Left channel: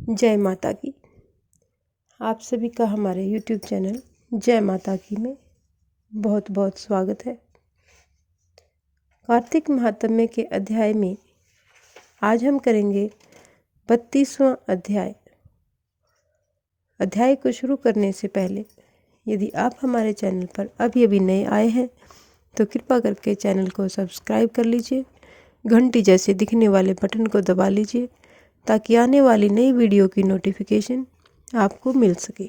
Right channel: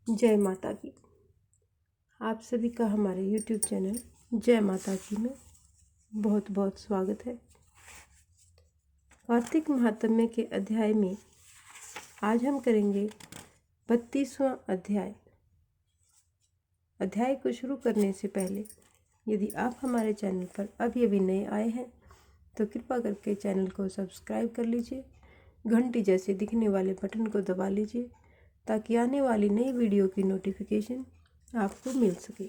जय माता की। आप सभी का हमारे YouTube चैनल जय माता की में बहुत बहुत स्वागत है। कार्तिक महात्म्य के अध्याय में आज हम करेंगे 32वां अध्याय। अध्याय को शुरू करने से पहले यदि आप हमारे चैनल पर अभी अभी नए आए हैं तो कृपा करके चैनल को सब्सक्राइब कर लीजिए, घंटी जैसे दिखने वाले बटन को दबा लीजिए ताकि आने वाली नई वीडियो की नोटिफिकेशन आपको मिल सके।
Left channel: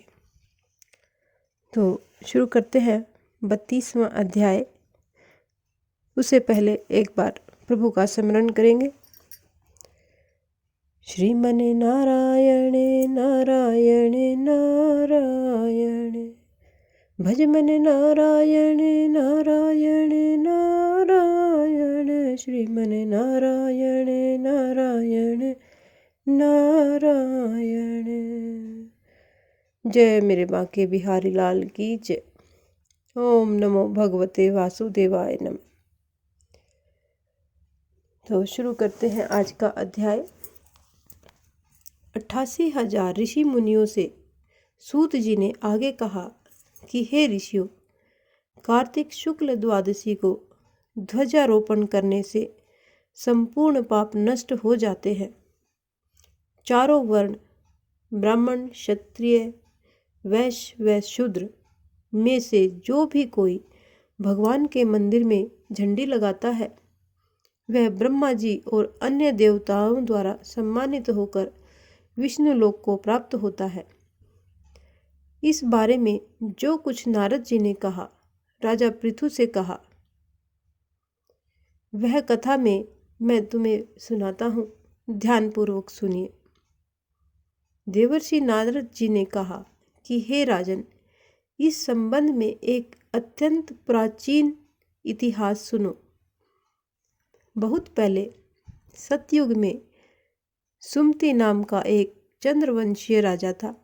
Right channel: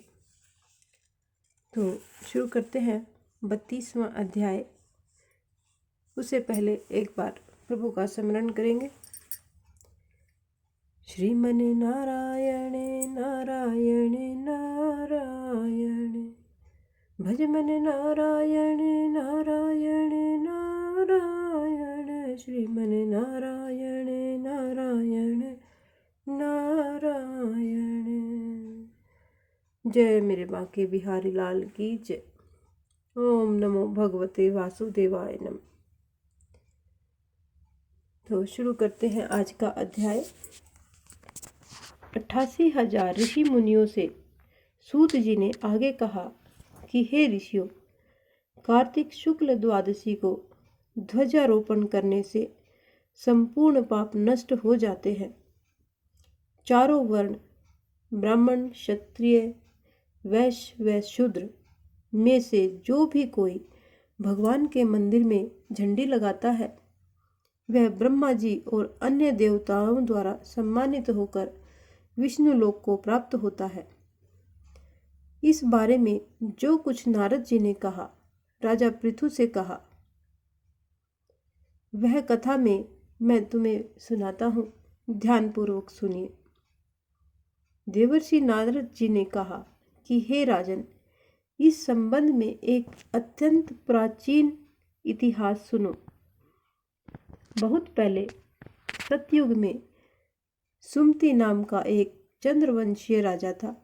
तो शुरू करते हैं 32वां अध्याय। उससे पहले एक बार प्रभु का स्मरण करेंगे। श्रीमन नारायण नारायण नारायण, भज मन नारायण नारायण नारायण, श्रीमन नारायण नारायण नारायण। जय मेरे बांके बिहारी लाल की जय। ओम नमो भगवते वासुदेवाय नमः। तो शुरू करते हैं आज का अध्याय। 88,000 ऋषि मुनियों से सूत जी ने आगे कहा कि हे ऋषियों, कार्तिक शुक्ल द्वादशी को ध्वजारोपण करने से संपूर्ण पाप नष्ट हो जाते हैं। चारों वर्ण ब्राह्मण, क्षत्रिय, वैश्य व शूद्र में से जो भी कोई भगवान के मंदिर में झंडी लगाता है वह ब्रह्मा जी और अन्य देवताओं द्वारा सम्मानित होकर विष्णु लोक को प्राप्त होता है। इस बारे में जो कुछ नारद जी ने कहा, राजा पृथु से कहा, वह कथा में मैं तुम्हें सुनाता हूँ, ध्यानपूर्वक सुनिए। देवर्षि नारद जी ने कहा कि हे राजन, इस संबंध में एक अत्यंत प्राचीन इतिहास सुनो। बहुत पहले सतयुग में सुमति नाम का एक चंद्रवंशीय राजा था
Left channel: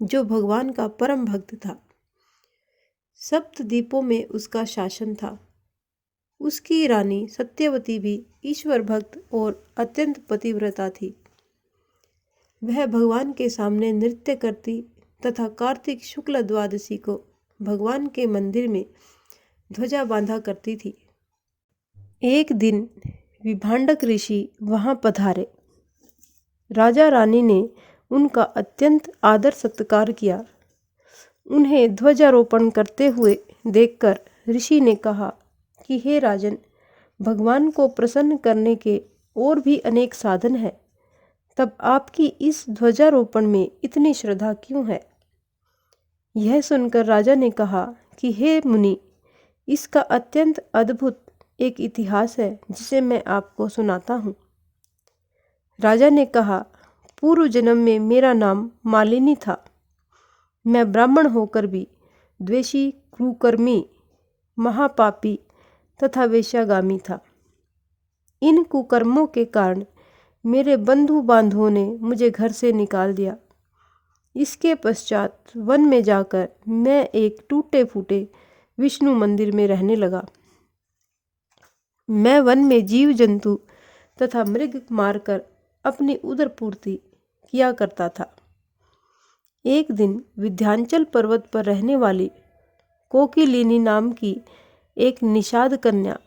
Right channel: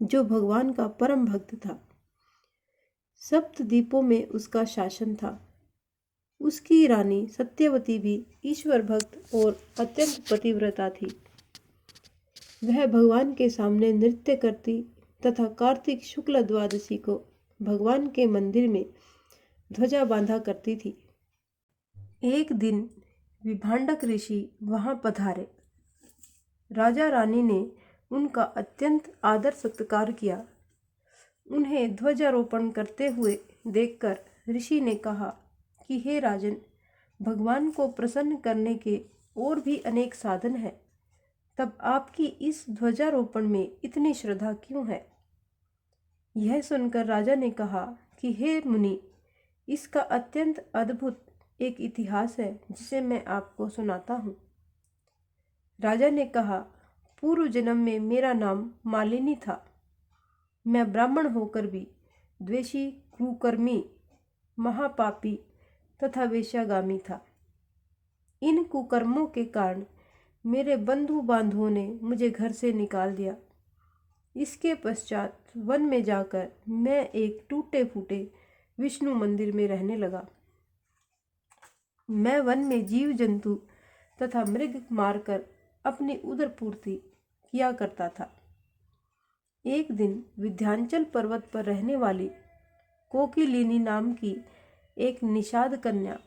जो भगवान का परम भक्त था। सप्तद्वीपों में उसका शासन था। उसकी रानी सत्यवती भी ईश्वर भक्त और अत्यंत पतिव्रता थी। वह भगवान के सामने नृत्य करती तथा कार्तिक शुक्ल द्वादशी को भगवान के मंदिर में ध्वजा बांधा करती थी। एक दिन विभांडक ऋषि वहां पधारे। राजा रानी ने उनका अत्यंत आदर सत्कार किया। उन्हें ध्वजारोपण करते हुए देखकर ऋषि ने कहा कि हे राजन, भगवान को प्रसन्न करने के और भी अनेक साधन हैं, तब आपकी इस ध्वजारोपण में इतनी श्रद्धा क्यों है? यह सुनकर राजा ने कहा कि हे मुनि, इसका अत्यंत अद्भुत एक इतिहास है जिसे मैं आपको सुनाता हूँ। राजा ने कहा, पूर्व जन्म में मेरा नाम मालिनी था। मैं ब्राह्मण होकर भी द्वेषी, कुकर्मी, महापापी तथा वेश्यागामी था। इन कुकर्मों के कारण मेरे बंधु बांधवों ने मुझे घर से निकाल दिया। इसके पश्चात वन में जाकर मैं एक टूटे फूटे विष्णु मंदिर में रहने लगा। मैं वन में जीव जंतु तथा मृग मारकर अपनी उदर पूर्ति किया करता था। एक दिन विंध्याचल पर्वत पर रहने वाली कोकिलिनी नाम की एक निषाद कन्या,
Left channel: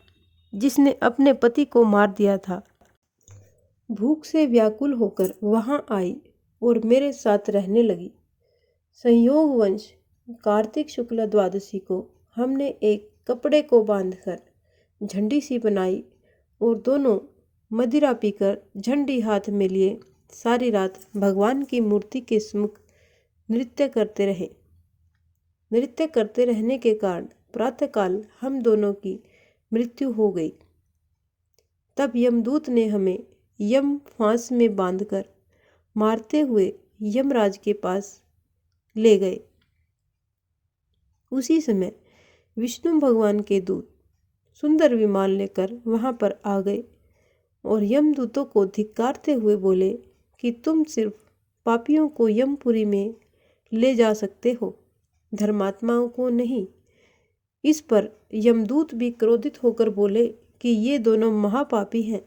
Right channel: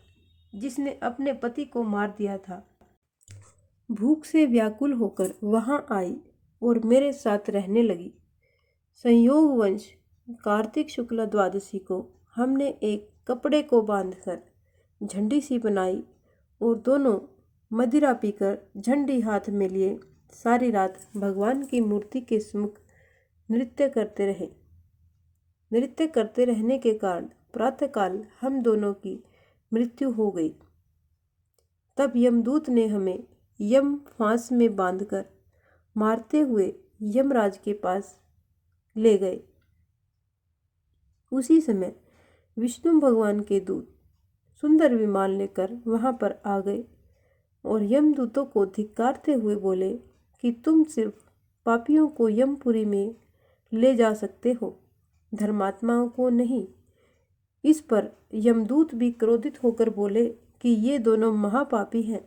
जिसने अपने पति को मार दिया था, भूख से व्याकुल होकर वहां आई और मेरे साथ रहने लगी। संयोगवश कार्तिक शुक्ल द्वादशी को हमने एक कपड़े को बांधकर झंडी सी बनाई और दोनों मदिरा पीकर झंडी हाथ में लिए सारी रात भगवान की मूर्ति के सम्मुख नृत्य करते रहे। नृत्य करते रहने के कारण प्रातःकाल हम दोनों की मृत्यु हो गई। तब यमदूत ने हमें यम फांस में बांधकर मारते हुए यमराज के पास ले गए। उसी समय विष्णु भगवान के दूत सुंदर विमान लेकर वहां पर आ गए और यमदूतों को धिक्कारते हुए बोले कि तुम सिर्फ पापियों को यमपुरी में ले जा सकते हो, धर्मात्माओं को नहीं। इस पर यमदूत भी क्रोधित होकर बोले कि ये दोनों महापापी हैं।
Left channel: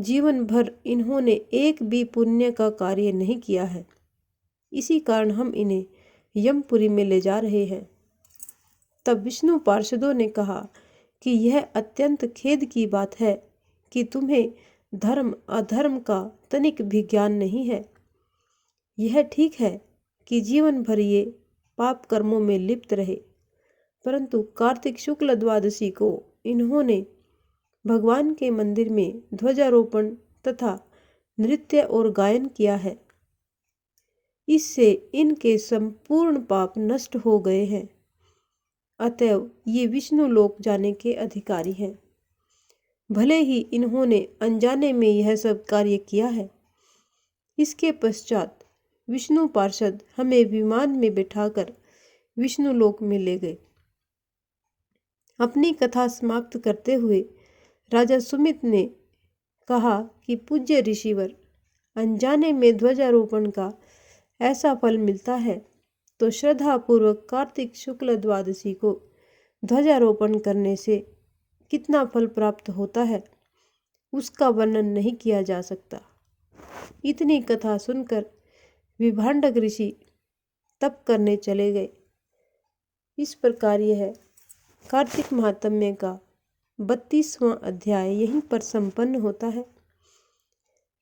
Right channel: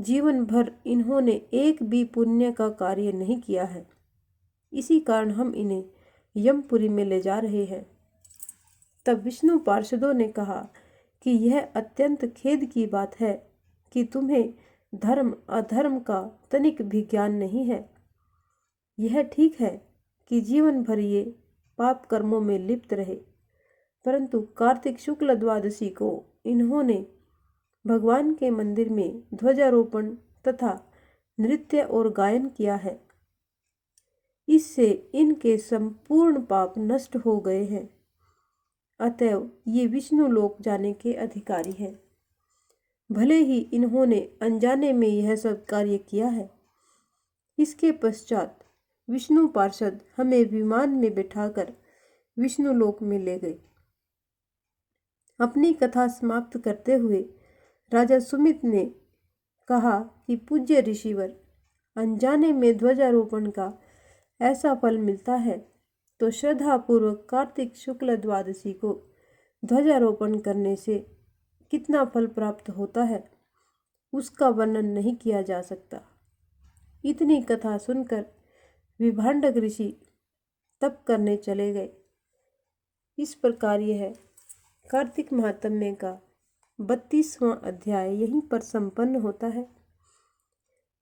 जीवन भर इन्होंने एक भी पुण्य का कार्य नहीं किया है। इसी कारण हम इन्हें यमपुरी में ले जा रहे हैं। तब विष्णु पार्षदों ने कहा कि यह अत्यंत खेद की बात है कि तुम्हें धर्म अधर्म का तनिक भी ज्ञान नहीं है। यह ठीक है कि जीवन भर ये पाप कर्मों में लिप्त रहे, परंतु कार्तिक शुक्ल द्वादशी को इन्होंने भगवान के मंदिर में ध्वजारोपण तथा नृत्य और गायन किया है। इससे इनके संपूर्ण पाप नष्ट हो गए हैं। अतएव ये विष्णु लोक जाने के अधिकारी हैं। भले ही इन्होंने अनजाने में यह सब कार्य किया है। इसके पश्चात विष्णु पार्षद हमें विमान में बिठाकर विष्णु लोक में ले गए। अपनी कथा समाप्त करते हुए राजा सुमित ने कहा कि पूज्य ऋषिवर, अनजाने में ध्वजारोपण का ऐसा फल मिलता है तो श्रद्धापूर्वक कार्तिक शुक्ल द्वादशी को ध्वजारोपण करने से कितना फल प्राप्त होता है उसका वर्णन नहीं किया जा सकता। इतनी कथा सुनकर विभांडक ऋषि तप करने चले गए। इस प्रकार यह कार्तिक महात्म्य का 32वां अध्याय यहीं पर संपन्न होता है।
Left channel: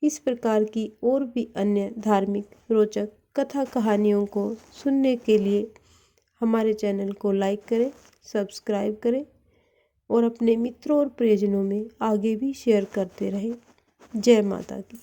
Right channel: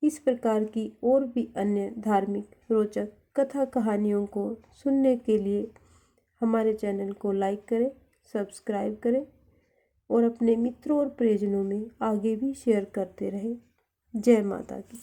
इस प्रकार की और भी अन्य धार्मिक रोचक कथा कहानियों को सुनने के लिए हमारे चैनल को लाइक करें, सब्सक्राइब करें और अपने मित्रों और प्रियजनों में आगे भी शेयर करते रहें। जय माता की।